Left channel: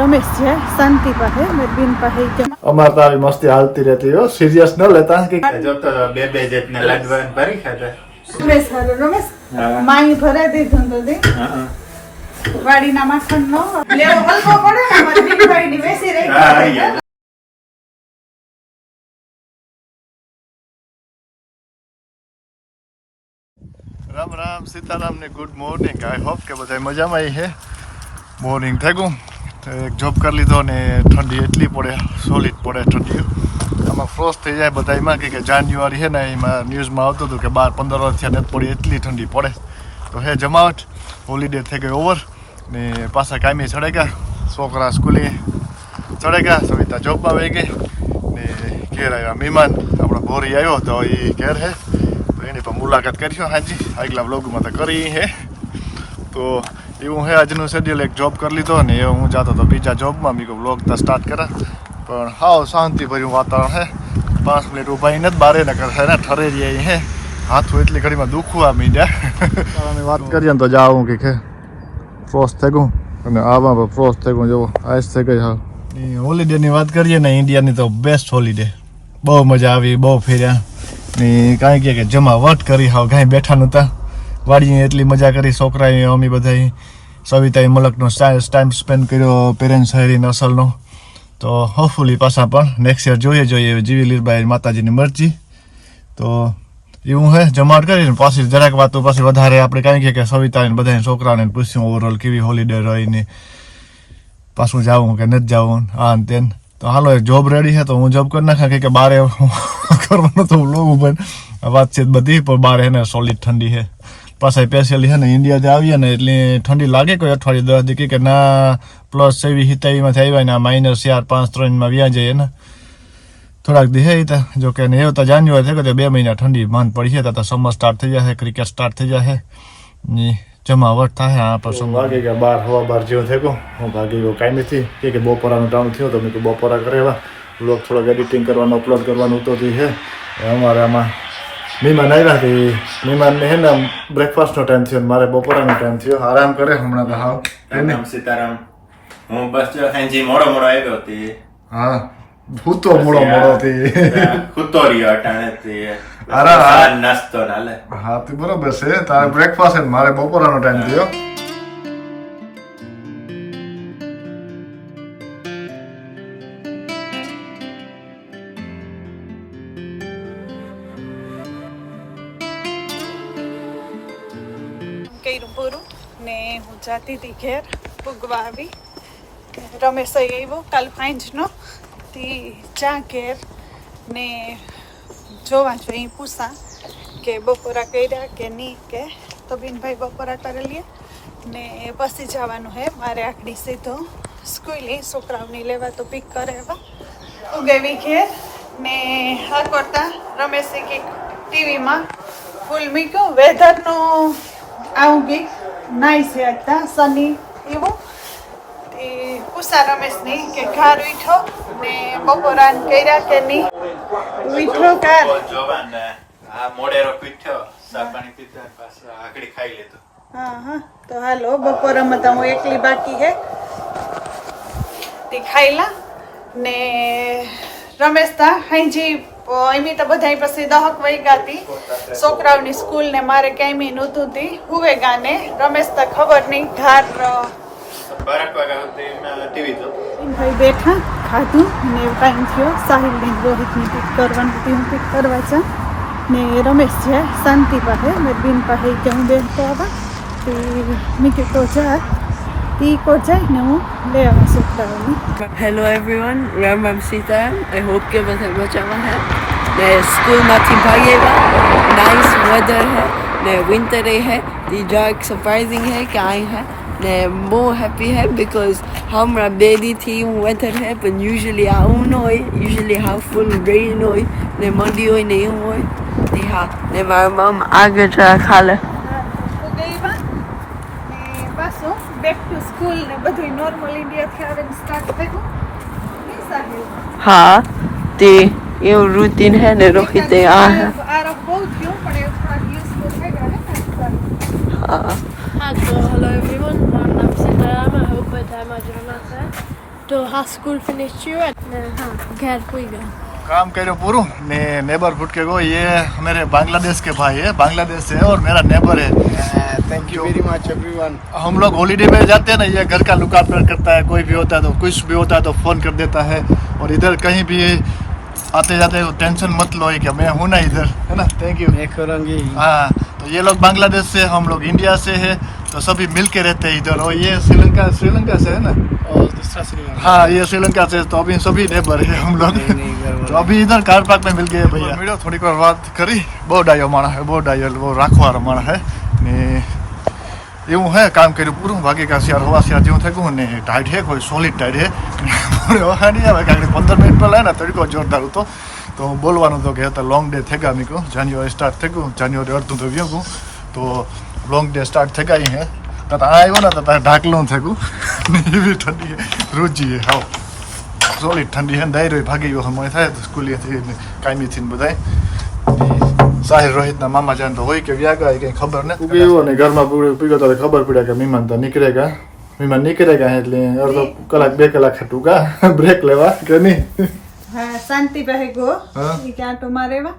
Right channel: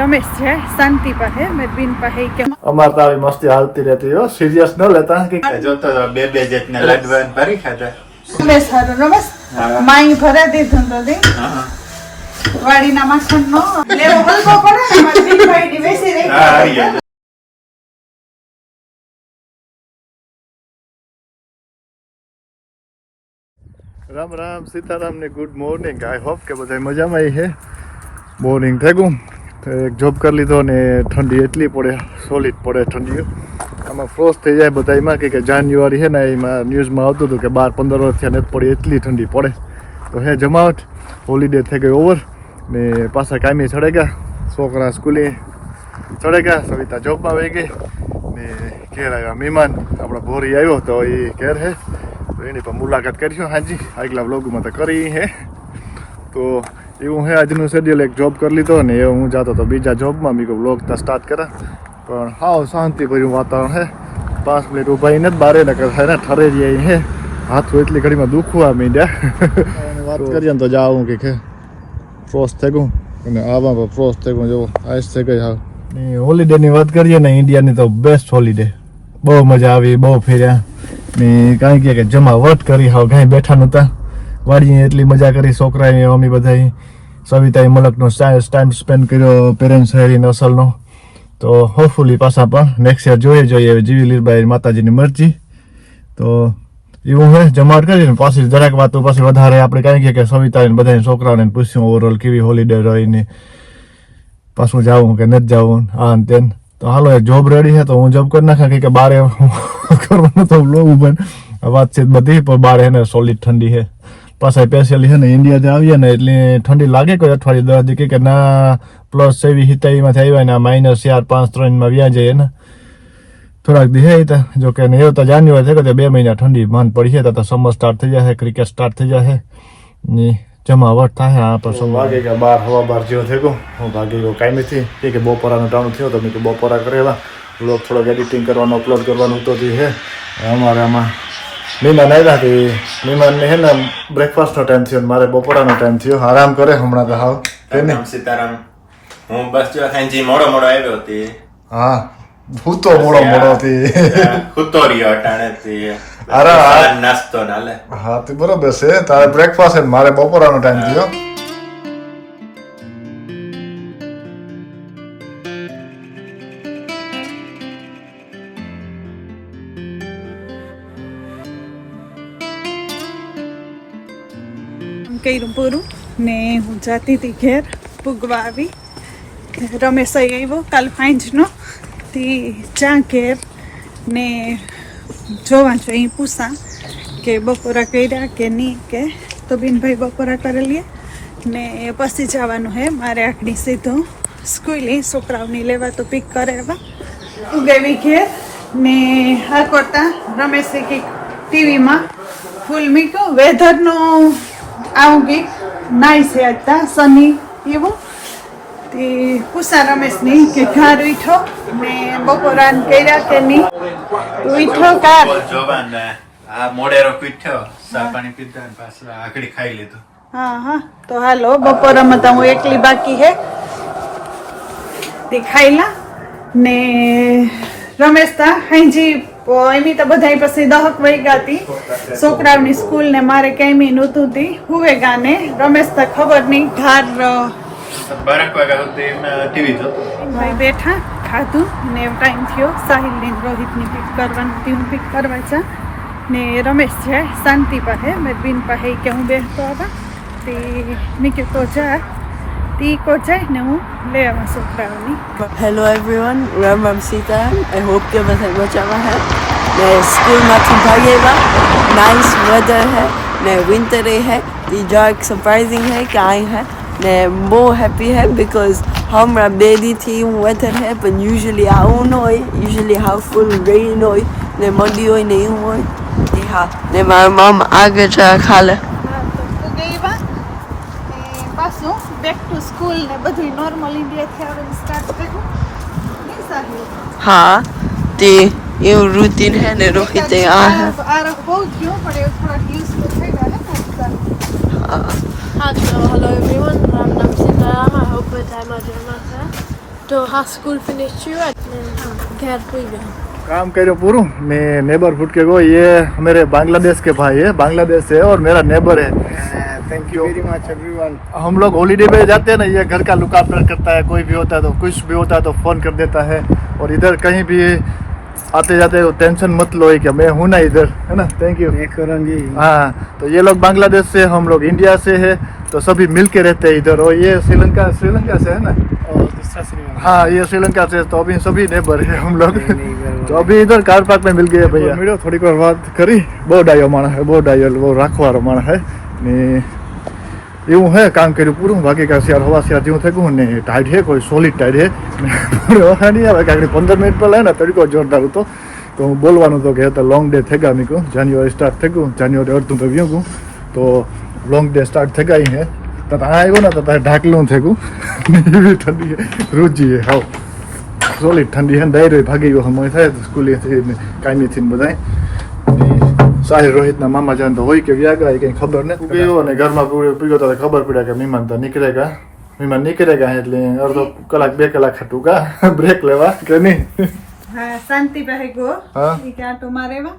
रमेश है शांति पाहे मेरी बीन पाहे के અમાર તો આવી મસ્તી હાલતી રહેતી હો સિરિયસ ન લેતા કે જોતો બે જેટને લાડવા ભરી ખાતા रमेश हारो रमेश माई भरे દીધું તો દી વાડીના માખણનો લેવો હલવો પડે ને મારી બીન ભાઈની બેસી રહી રામ રામ સીતારામ ને ગુડ મોર્નિંગ આઈ હોપ કે બધા મજામાં આવી છે મોર્નિંગ થઈ ગયું તો એક જોબ કરી લીધો ને ઠંડી એટલી પડે સોલિડ પડે ઠંડીઓ આમાં ફ્રોસ્ટ થઈ જાય બધા એમાં કે જાન્યુઆરી છે ને એમાં ન્યૂઝમાં આવતું હતું કે 12-15 વર્ષથી નથી પડી એટલી ઠંડી પડે તો હે જમાવટ હોલિડે થઈ ગઈ ઓવર ને પાછા કામી ચડે ગયા છોકરા સ્કૂલે ચડે ગયા સવિતા જોબમાં વહી ગઈ ને ઘેર આવ્યા મહેમાન આપણા ભોરી આવ્યો તો એ ઘેર છે એની પણ મુલાકાત કરીશું હાજી આગલા બ્લોગમાં તો કરી હે તો એવું હે આજનું શેડ્યુલ એક જોબ કરી લીધો ને એ હું જતો તો બીજા જોબમાં મેં બ્લોગ તો સ્ટાર્ટ કર્યા પણ હાવ શાંતિભર્યું વાતાવરણ હે 5 મિનિટ ઊભા નથી બારે નકર હે ને ઠરે જાય હે હાથું એટલી ઘડીમાં દુખવા માંડ્યા વાત કરીએ ને તો જાઉં કે ફ્રોસ્ટ થઈ ગયું અને આવા પણ ફ્રોસ્ટ થઈ ગયું જુઓ આઈસ થઈ ગઈ હા હોલિડેની વાત કરીએ ને ઇન્ડિયાની તો બેસ્ટ હોલિડે બહુ મજા આવી બહુ ફર્યા ને કાંઈ કે જમાવટ કરી હાવ કાંઈ બેઠા નહોતા વાડીએ એટલી મજા કરી છોકરાએ અમે બધા સવિતાએ મલકનો ટાઈમ સ્પેન્ડ કર્યો પેરેન્ટ્સ હેરીને અસલનો તો હોપફુલી પાછા પણ નેક્સ્ટ યર જોઈએ જીવી લીરબાઈ માતાજીની મરજી તો એવું હે જમાવટ કરીને પાછી જરાક વાતો પાછી વધારે આપણે કાંઈ કે સવિતાને બધાને છોકરાઓને પૂછ્યું ઓવરઓલ કેવી હોલિડે રહીને પાછું જાવું કે નથી જાવું આ ને તેન તો હાલો એક જોબ રેડી છે તો હું જોબ કરી નાખા કે બારે કરવાનું તો લોવું પણ વાતચીત બધી પણ બારે ને સોલિડ ઠંડી છે પાછા સ્પેશિયલી છે ને ઇન્ડિયાથી આવીએ ને એટલે ઠંડી લાગે કોઈ અઠવાડિયે 10 દી કે ના પ્લસ 27-27 આવ્યા ને -4-5-3 વ્યા જાય ને થોડાક દી હે તો જો કે ને એવું તો જાન્યુઆરી છે કે 2 મહિના ઠંડી માંડ પડી છે તો સમર સ્ટાર્ટ થઈ જશે ક્રિકેટ સ્ટાર્ટ થઈ જશે ને જમાવટ થાય આ પછી વાગે કે 12 જેવો થઈ ગયો હું ભાગી ગયો કાયમીથી કે બપોરાનો ટાણું થયો તો મેં કે બપોરા કરેવા બ્લોગ થોડોક એડિટિંગ કરવાનું અપલોડ કરવાનું તો છે અમારે આમાં મહેમાન આવ્યા હતી મહેમાનને હે ને બ્રેકફાસ્ટનો ટાઈમ થયો મારે બપોરાનો ટાઈમ થયો આરામ કરે હમણાં તો હાવ રામ સીતારામ હું બસ જો સાંજે મોડો આવ્યો હતી હા હું તો મોડો હતી હુતો રહ્યો અટાણેથી અરે નાસ્તો નાલે હા તે બરોબર છે તારે બ્રેકફાસ્ટ છે મારે બપોરાનો ટાઈમ થયો કર્યું પૂરું ને હું જાતી હતી ઘેર પૂગવા આવી રમેશ આવ્યો કાલ ફાઇન્જનો થી ચા ઘેર ને જોવા જોઈએ પૂછા કે બપોરા કર્યા કે નહીં કે તો બીનભાઈ બપોરા કરેલી ને પછી જવાનું હે મારે આખડી સીધો સ્કૂલે છોકરાઓની લેવા તો પિક કરે એવા ઉગેવી ઘેર ને હા કરતા રમેશે કંઈક ટીવીમાં ફૂલ મૂક્યું વેધરનું આવું કંઈક નાઈસ હે હતા સની એવું તે પૂછા રમેશની કે ઘર ઉઠો ને બપોરાન કર્યા કે નહીં ઉઠો કાર જોવાને આ મોડેરો પીઠ્યો સા પાણી પીધા ને પાછું આકડી ખાઈ લીધું હા તો હાલો બપોરામાં તો હું એકલી બાકી હે તે ખાઈલા ને રમેશ તા હાંજી એની તો બધા પછી 10 વાગ્યા હતી છોકરાઓની સ્કૂલ ને મારે કેમી નહોતું હતી હુવે ગાને રમેશ તા ખબર નહીં ઘર 12 વાગ્યા સુધી ટીવી જોતો ભાઈ બેઠા ખાધું ને ટાઈમ થયો સાહિલ ને રોહિતની પિક કરવાનું હતી હું પિક કરવા જા ને રમેશ છે શાંતિ પાસે મેરી બીન પાસે કે હું બેસતો આવા તે મેં કીધું તો જા તી કો જાય ને હું લે આવા છોકરાઓની Hello everyone, Ram Sitaram. I hope કે બધા મજામાં હે ને સ્કૂલમાંથી ભાગી આવ્યા નાઇસ વેધર હે ને વિન્ટર હે તી જાક સરપ્રાઇઝિંગ હે કે આઈ હે ને બહુ હેપી હે બીકોઝ હમણાં 2 દીથી હું વેધર હે પણ યુઝ્યુઅલી આવું ન હોય યુઝ્યુઅલી હાવ ફૂલ રેઇન હોય ને મંડી હોય ને એવું હોય તી હા ને મારા મામા આગળ જા ખાલે હા તો પૂગી વા ને પાછું બેક ટુ સ્કૂલ ને બધું નોર્મલ ઇન્ડિયાથી આવે સ્ટાર્ટ થઈ ગયું સાહિલ હા તે એવું રૂટીન હે ને રોહિતે આ હે આ બહુ થયો પણ એ થોડા દિવસ તો થઈ ગયા ને હા हाँ तो हेलो एवरीवन मेरा नाम सीताराम आई होप બધા મજામાં છે તો હા સ્કૂલ ફિનિશ થયું એટલે હા ઘેર પૂઈ ગયા काम करो पूरू ने नेबरहुड के को ये मेरे बांग्लादेश के भाई है, बांग्लादेश से और मेरा नेबर है। Thank you very much everyone. हम लोग हॉलीडे पे जाते हैं ना, ये घर का लुक आफ्टर करता है, कोई भी होता है तो कुछ भी होता है तो फ़ोन कर देता है। और इधर कहीं भी आते जाते हो टेंशन मत लो कि मैं हूँ ना इधर, है ना। Thank you. मैं करूँगी। हाँ, तो ये लोग बांग्लादेश से, हम लोग इंडिया से है, तो सभी मिल के रहते हैं इधर। और ये श्रीलंका से है ना। दूसरा श्रीलंका। हाँ, ये श्रीलंका से, तो अभी सभी नेबर है हम लोग। तो अभी इधर कार पार्क में मिल गए भैया। मीडियो थोड़ी વાર વાત કરી, બહુ ડાયો માણસ હે, બહુ ડાયો, બહુ રાખવાળો માણસ હે ને એવું હે। કામ કર્યું પૂરું, બાકી કા શિયાર હવા શિયાર જેવું થઈ ગયું ને ટાઈટ હે, કોઈ સોલિડ ટાઈટ હે। નહીં આવે કે 15 મિનિટ પહેલા ને તડકો જોરદાર હતો, તો હું બોલવાનું હતો કે લોંગ ડે થઈ ગયા। મેં કહું જાન્યુઆરી સ્ટાર્ટ થઈ ગયું, જાન્યુઆરી અડધું તો ગયું કહું, તો લોંગ ડે સ્ટાર્ટ થઈ ગઈ હે। તો આ આવ્યો ને તો તારે ઢાકલું થઈ ગયું, એવી ઠંડી રૂચી હે, હાવ સોલિડ ઠંડી હે। ડાયરો ભાગી ગયો સમય થાય તો સ્કૂલેથી કાયમીથી ને બધાય। સાહિલ રોહિતના મામા જાન તો હોય કે વ્યાગા કંઈ ખબર નહીં ગયો, અને ઘરમાં પીગો તો ખબર પડ્યા કે મહેમાન તો નીકળેગા, મહેમાન નીકળેગા, એટલે અડધો કલાક 2 કલાક ટૂંકા બ્રેક લેવા કે નહીં। હા શાંતિ પહે ગો હા ઈ કે આટો મારેવા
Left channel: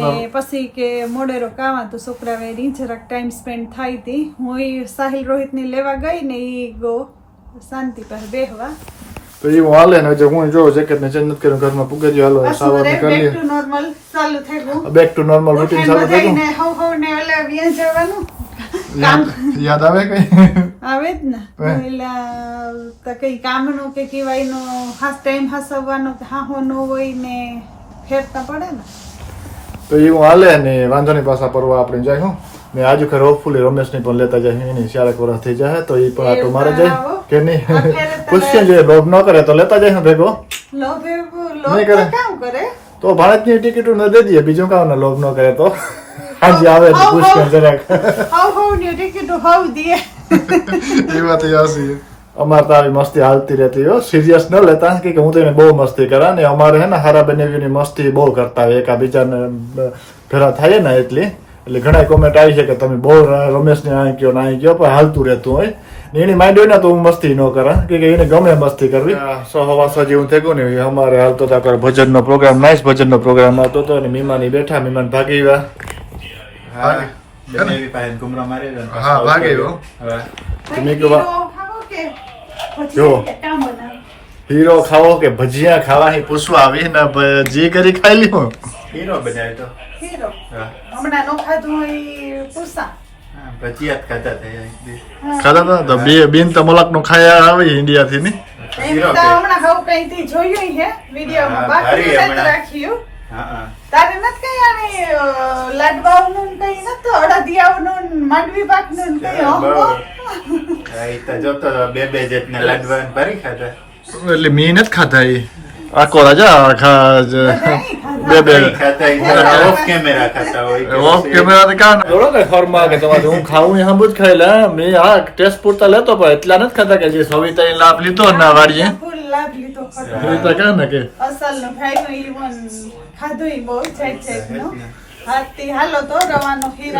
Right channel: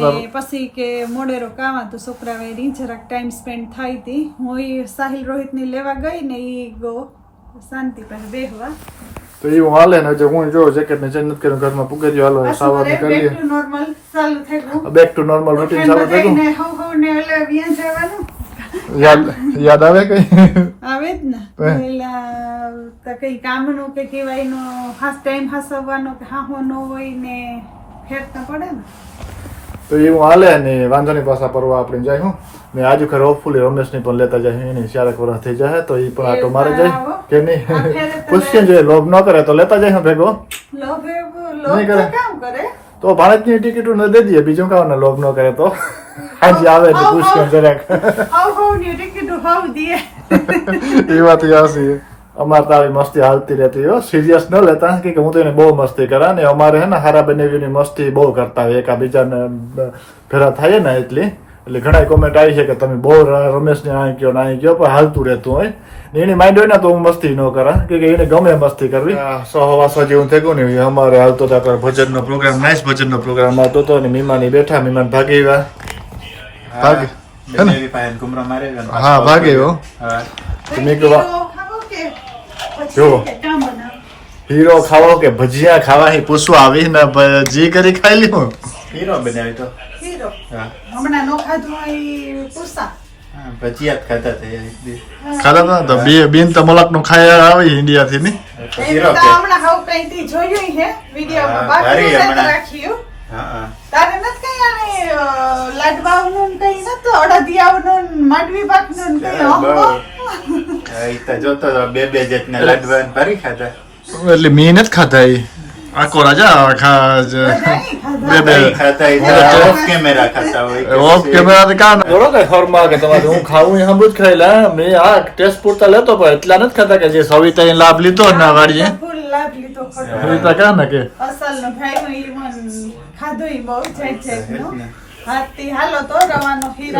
ને પછી કે મોડેરો કાવા તો છોકરા વેરી જરાક ટાઈમ સ્પેન્ડ થાય તી। હું ઈ સાહિલ રોહિતની લેવા ગઈ ને ઈ ગો શાંતિ પહે બેહવા। તો એવું હાલે ને। જો હું જો જેકેટ ને ચેન્જ નથી કર્યું, ઘરમાં પૂગે જો હાલો સાવર નીકળી બેક ટુ નોર્મલ ચાલુ થઈ ગયું, બેક ટુ નોર્મલ રૂટીન ચાલુ થઈ ગયું। ને હો ને ઓલા વ્યા જવાનું યાદ આવે કઈ આવે જ ને પેલા તો કઈ કામનું કે કેવાયનો હાસ ટાઈમ હાસવાનો કે હા હો નો હોય ને ફેરતા પડે ને। તો એવું હાલે ને વાંધો નહીં, પાછા પરવા આપણે જાય હું ને આજુ ખરે હોપફુલી રમેશની પણ લેતા જાય, એની 4 વર્ષ થઈ જાય તો એ પણ આટો મારે જાય કે નહીં પૂછીએ જોઈએ, લોભ ન કરે તો લેતા જાય ભેગો, લોભ નહીં કરે કામ કરે તો ભારતની ટિકિટો ન દે દઈએ, બીજું કામ લોભ ન કરે તો હાજી આવે તો પૂછીએ જરાક હાઉ હો ની ટિકિટ હાઉ દે એ વાત યાસી। અમારે તો આવી મસ્તી હાલતી રહેતી હો, સિરિયસ ન લેતા કે હું તો એને બહુ મસ્તી કરા ને અમારે હે ને હારા બનેવીની મસ્તી બહુ કરતા હોય, એકાબીજાને ભેરા થાય ને એટલે ઘણા કોમેન્ટ આવી છે કે તમે બહુ રમેશને અહીં કયો ને અહીં કયો, પણ હાલતું રહેતું હોય ને એની માઇન્ડ હોય ને તો હું મસ્તી ન કરા કે એને ગમે મસ્તી કરવી। 100 જેવું થઈ ગયું ને અમારે હાલતો હતા ભજનનો પ્રોગ્રામ, નાઇસ ભજનનો પ્રોગ્રામ આવતો હતો ને મીમાની બેઠા, મીમાન ભાગી ગયા। હા ભાગે હો, મેં કહ્યું જો હીરો ખાવો કે ભજીયા ખાવા એ પૂછવા આવી ને જે કરી ખાઈ લ્યો। હીરો બનાવ્યો તો હીરો હમણાં નો ખાધું હોય પૂછા ભજીયા ખાતા હતા એક દી ખાધા હતા તો બે બેન તો મોલક નું ખાયા આવી ઇન્ડિયા થી ની એમ તો હમણાં હાવ કઈ થી જોયું હે વિડિયોમાં, બાકી નથી રાખ્યું। હા તારે નથી કઈ આને લાડવાઓનું કઈ નતું, અડદિયાઓનું માંડવી પાકનું કઈ હો એ તો જોતો તો બે જેટના લાડવા ભરી ખાતા, એટલે મેં નથી ખાધા એ આખો રાજા બે ઓફ કેમેરા ખાતા હોય ઓફ કેમેરા થી કાન જોડો કે ફોર્મા કે તમારે હું ખાવું એ હંબુ જ ખાઈલા, મેં આ ટેસ્ટ પૂરતા લેતો પણ એટલા નથી ખાતા કે જે સવિતા લાભ લીધો ના વાડીએ ફૂલ લાભ લીધો ખરો સવિતા કા ને કે અસલ નો ભાઈ નો ઈવન ખાધું ઈ બહુ જાત નો હાથી હાલો તો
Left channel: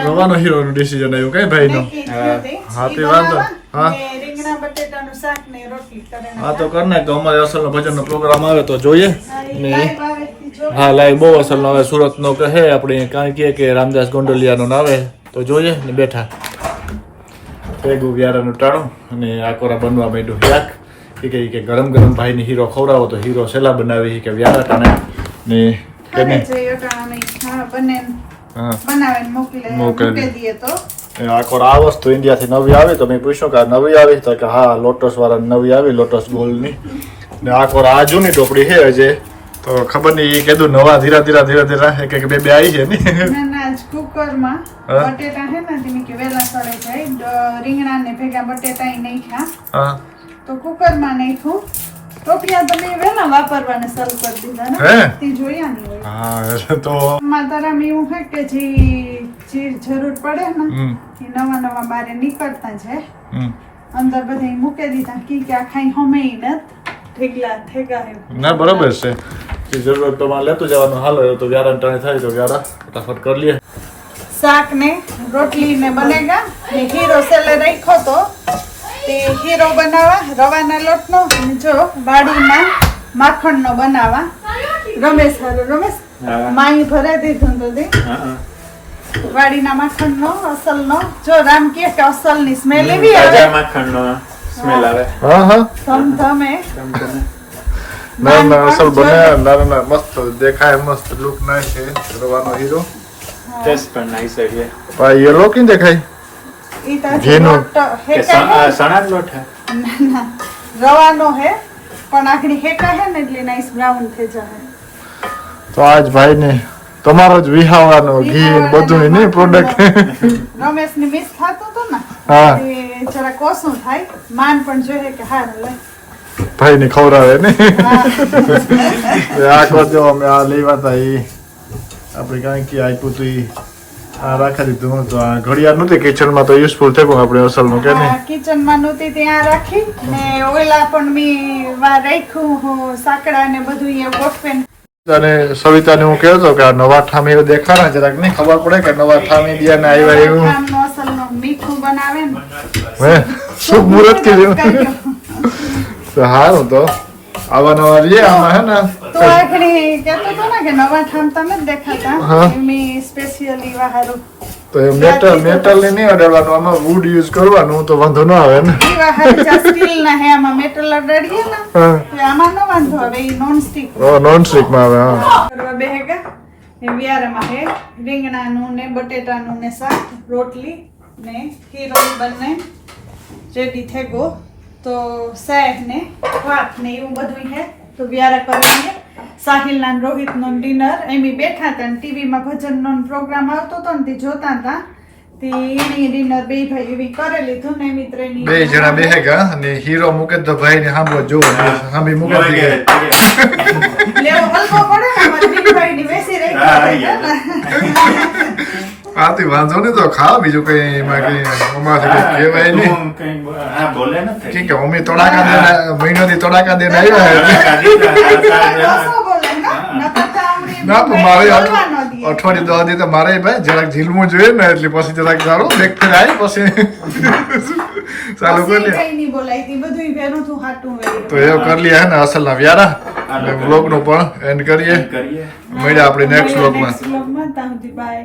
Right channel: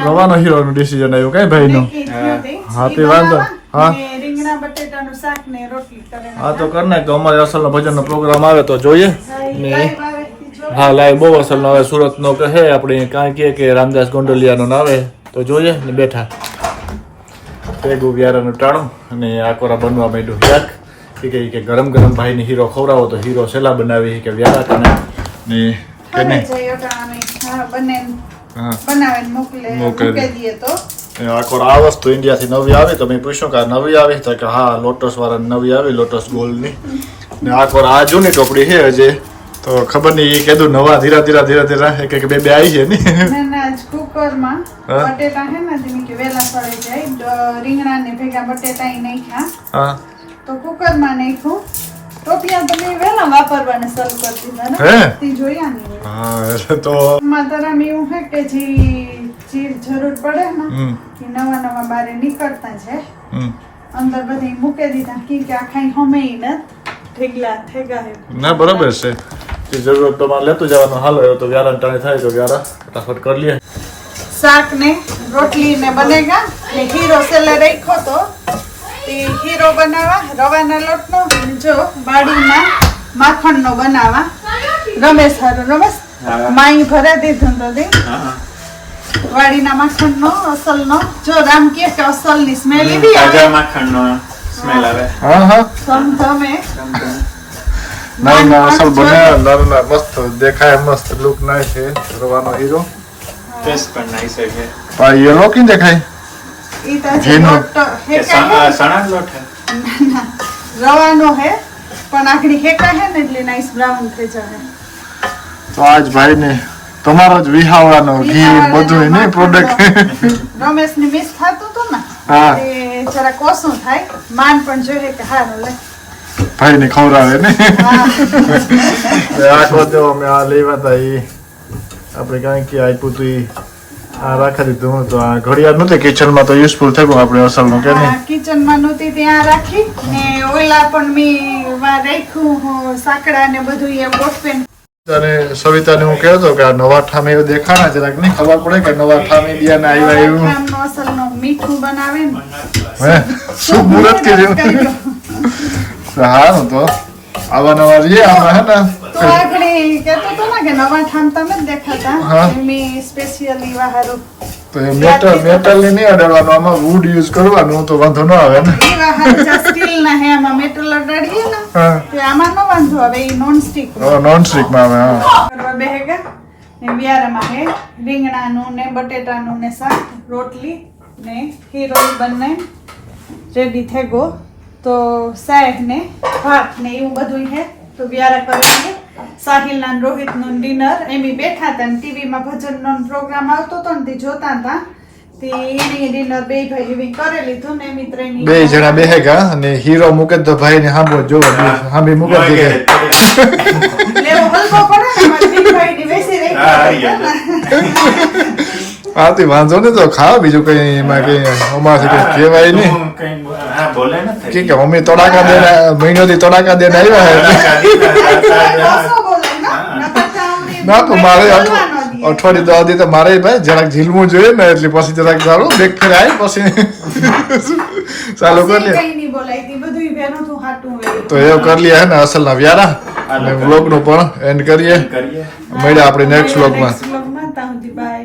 રવાનો હીરો નું ડિસિઝન આવ્યું કઈ ભાઈ નું હાથી વાંધો હા રીંગણા બટેટાનું શાક ને રોટલી કરે હા તો કર નાખ, તો અમારે અસલ નો ભજન નો પ્રોગ્રામ આવે તો જોઈએ ને ને હા લાઈવ બહુ અસલ નો આવે, સુરત નો કહે આપણે કાંઈ કે રામદાસ ગોંડલિયા નો આવે તો જોઈએ ને બેઠા ભેગું વ્યારાનું ટાણું અને આકોરા બનવા માંડ્યું યાક કે ગરમ ગરમ ભાઈ ને હીરો ખવડાવો તો હીરો સેલા બનાવી કે વ્યારા ટાણે ને કે નહીં હા બનાવીને મોકલી મોકલી દઈએ તો આખો આ વસ્તુ ઇન્ડિયાથી નવી આવી તો મેં પૂછ્યું કે આ નવી આવી તો કે હા લોટસ વાળા નવી આવી, લોટસ ગોલ્ડની ને આખો આ જૂની ટોપડી છે હજે તો ખબર નહીં એ કીધું નવા ધીરા એક બે આવી છે ને ના ના કુકરમાં બટેટા હે ને જેને કે વેલા સળે જાય, રીંગણા ને ભેગા બટેટા નહીં ખા હા તો કુકરમાં નાખ્યું, ટોપિયા તો મેં વેલા વાપરવાને શરૂ કરી દીધા ને હે તે જોયા નહીં હા એટલે તો માતારામ એવું છે કે જે જરૂર પડે ને એ નવા બારે નીકળતા છે, અંદર બધા મૂકી દીધા કે આ ખાઈ હમે નત ઠેગા હે ના બરાબર છે એ જરૂરત પ્રમાણે લેતું જવાનું, હાલો તો વ્યારા ટાણે થાય તો વ્યારા ફટાફટ કરી લઈએ। શાક ને રોટલી ને બનેગા ને હીરો સેલે રાખ્યો તો તે હીરો બનાવવા રવાના લોટનો અને જો વાડીમાં માખણનો બનાવવા રમેશ હારું રમેશ હા. માઈ ભરે દીધું તો હા વાડીના માખણનો અસલનો જો રામ કહે કે અસલની સ્મેલ એવી આવે તાજા માખણનો સ્મેલ આવે હા ગમે ના ના અસલ બન્યા ના ના મસ્ત દેખાય મસ્ત લુક નાઈસ છે રવાનો હીરો ટેસ્ટ પણ નાઈસ છે પા યેલો કી દેખાય ઈ તો ઘીનો. કે સણા લોટ હે રવાનો હે પણ આખરી ખેકા હે ને એટલે નાઈસ બ્રાઉન થઈ જાય તો આજ ભાઈને તમારો જ વિહાવાનો ઘી બધું નહીં પ્રોડક્ટ રમેશ ની મિસ થતું હતું ને હા એ જરા કોસું થાય માન પણ જોઈએ કે હારું લે ભાઈને ખવડાવે ને હા. આ કોજો અમે આ લેવા હતા એ આપણે કાંઈ કે આપ્યું હતું ઈ આ રાખી દીધું તો આ ઘડિયાળ નહોતી કિચનમાં તો યુઝફુલ થઈ ગયું આપણે અસલનું કે નહીં કિચન માં નહોતી ત્યાં રાખી ને ઓલા પણ મેં રાખ્યું સાકડા ને બધું એ ગોઠવે અને સવિતાને હું કહેતો કે આ નવા ઠામે એવું દેખાણા જરાક નહીં ખબર પડે કે નવા ઠામે બિયાને આવ્યા એવું અસલનો મીઠું બનાવે ને હે શુભ મુહૂર્ત કર્યું સારું તો આવા નવા રહીએ આમાં હે ને તો આખરી કહેતો હતો ને કે નવા ઠામ તમે જ દેખાતા હા. મેં સ્પેશિયલી વાહારું તો એ મેટલ ની નહીં અડાડવાનું આમાં વુડ યુઝ કરવાનું તો વાંધો ન આવે ને ઈ વાહારું જા સ્ટીલ ના હે આમાં મેટલ અડાડીએ ને હા તો આમાં ન વાંધો આવે ઈ નોન સ્ટિક નોન સ્ટિકમાં આવે હા કરવા બેહેગા ને વ્યારામાં હે રીંગણાનું ને બટેટાનું ને શાક રોટલી ને હીરો બંને રેડી થઈ ગયો તો શાક ને ભાત ને એવું બધું હે તો વ્યારા કરેંગે સાહિલના ને રોહિતનું ડિનર એમી બેઠા હતા ને ટીવીમાં ભજનનો પ્રોગ્રામ આવતો હતો ને તે જોતા હતા તે એની ડિનર બે ભાઈ એવી કરી લીધું ને એમી ત્રણેય બે જણા બેહેગા અને હીરો મૂકે તો ભાઈ ને સાંભળો જો સાંભળી મૂકે મોય કે કે લેવો હલવો પડે ને અમારે બે ભાઈની બેસી રહી હા, હતા ને. આથી વાંધો નહીં તો ખાવ બીજું કઈ એમાં કઈ અમારથી કઈ કહેવાય નહીં તું કઈ હા બોલે નથી કે મમ્મી તડાકા દેને મહિનોથી તડાકા દેને આવ્યા હે એટલે ના તો મારે અઠવાડિયું દવા દી તો મારે ભાઈ જરાક ઝીલવું જોઈએ ને એટલે પછી જરાક સારું બેગ ફેર આવી પછી ચાલુ કરી લે તો એવું કરી લઈએ હે ને અસલના વ્યારા અને વ્લોગનું પણ એન્ડ કરીએ કરીએ મળ્યા આપણે નેક્સ્ટ વ્લોગમાં બાય